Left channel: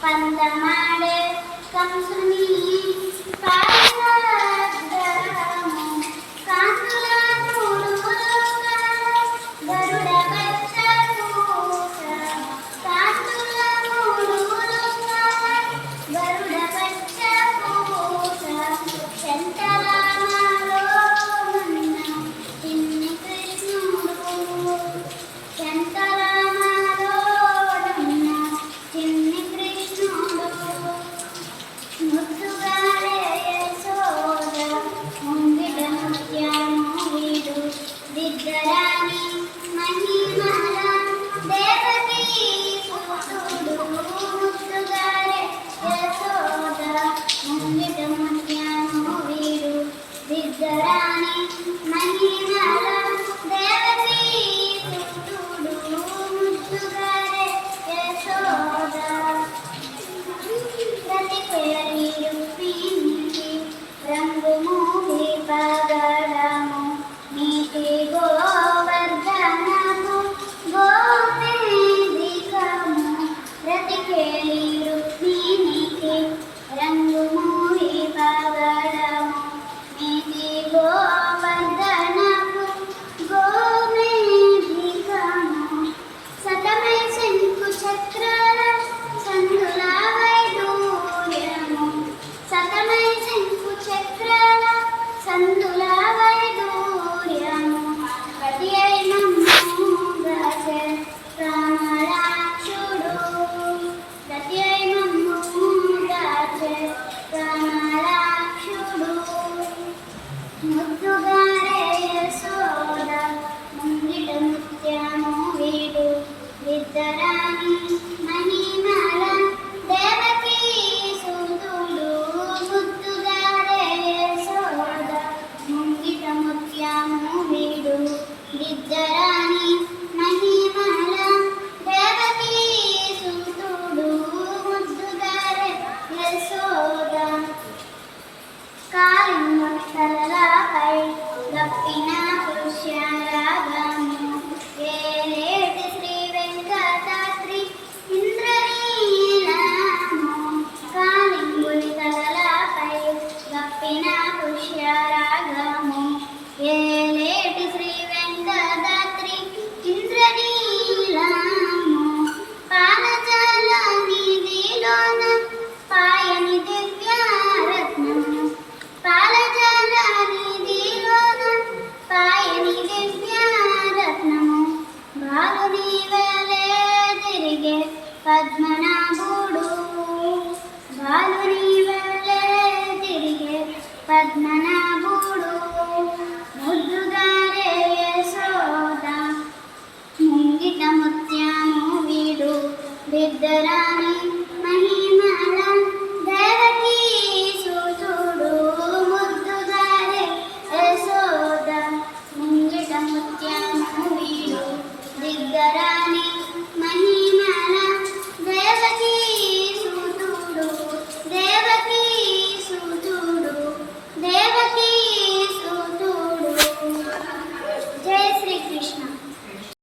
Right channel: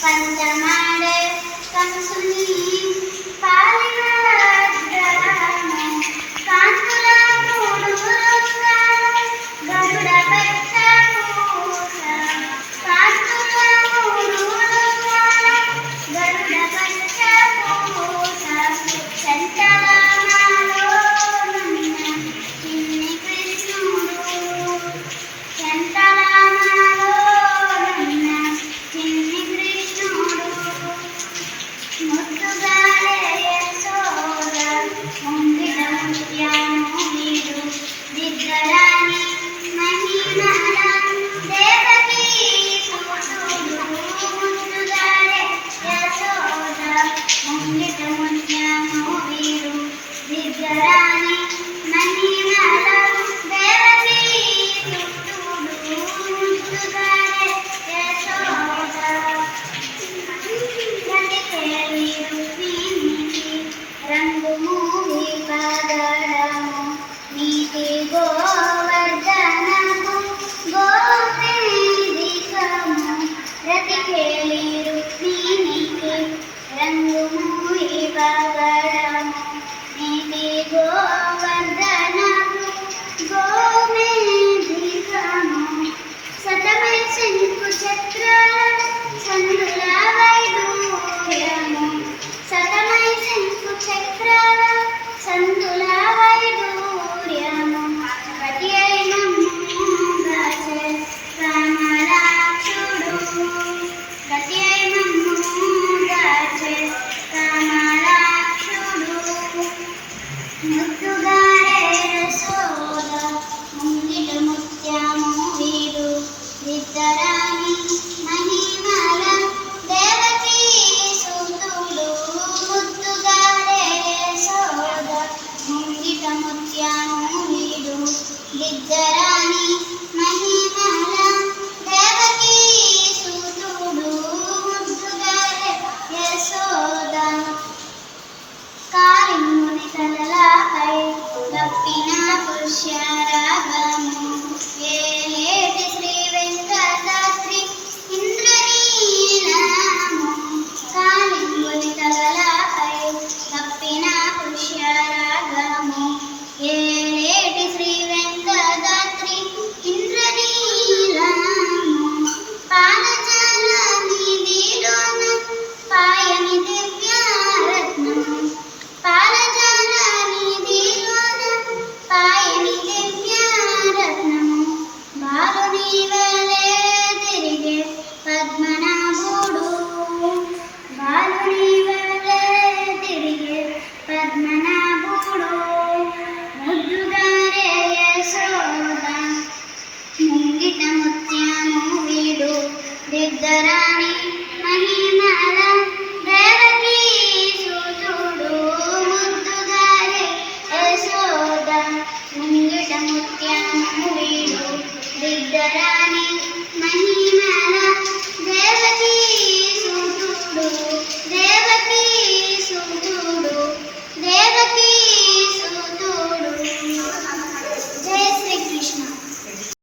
పంచమాడే కంసుని పాదగ్రహము కాంతుల మూడుములుగా గరుడ పచ్చపూస కాంతుల మూడుములుగా గరుడ పచ్చపూస శంకరామాలో నున్న చిన్ని కృష్ణుడు శంకరామాలో నున్న చిన్ని కృష్ణుడు ముద్దుగారే యశోద ముంగిట ముత్యాము వీడు దిగ్గరాని మహిమల దేవకీ సుతుడు ముద్దుగారే యశోద ముంగిట ముత్యాము వీడు దిగ్గరాని మహిమల దేవకీ సుతుడు ముద్దుగారే యశోద రంగు మూవి పగడము నీతి గోవర్ధనము గోవేదికము రతికేలి రుక్మిణికి రంగు మూవి పగడము నీతి గోవర్ధనము గోవేదికము సతమై శంకు చక్రాల సందుల వైడూర్యము సతమై శంకు చక్రాల సందుల వైడూర్యము పతి అయినమ్ము గాచే రామరాక్షుడు పతి అయినమ్ము గాచే రామరాక్షుడు ముద్దుగారే యశోద ముంగిట ముత్యము వీడు విద్దరాని మహిమల దేవకీ సుతుడు ముద్దుగారే యశోద ముంగిట ముత్యము వీడు విద్దరాని మహిమల దేవకీ సుతుడు ముద్దుగారే యశోద కాళింగుని తలలపై గప్పిన పుష్యరాగము ఏలేటి శ్రీ వెంకటాద్రి ఇంద్రనీలము కాళింగుని తలలపై గప్పిన పుష్యరాగము ఏలేటి శ్రీ వెంకటాద్రి ఇంద్రనీలము పానజాల నిధిలోన పాయని దివ్యారత్నము పాలజాల నిధిలోన పాయని దివ్యారత్నము బాలుని వలె తిరిగే పద్మనాభుడు బాలుని వలె తిరిగే పద్మనాభుడు ముద్దుగారే యశోద ముంగిట ముత్యము వీడు దిద్దరాని మహిమల దేవకీ సుతుడు ముద్దుగారే యశోద ముంగిట ముత్యము వీడు దిద్దరాని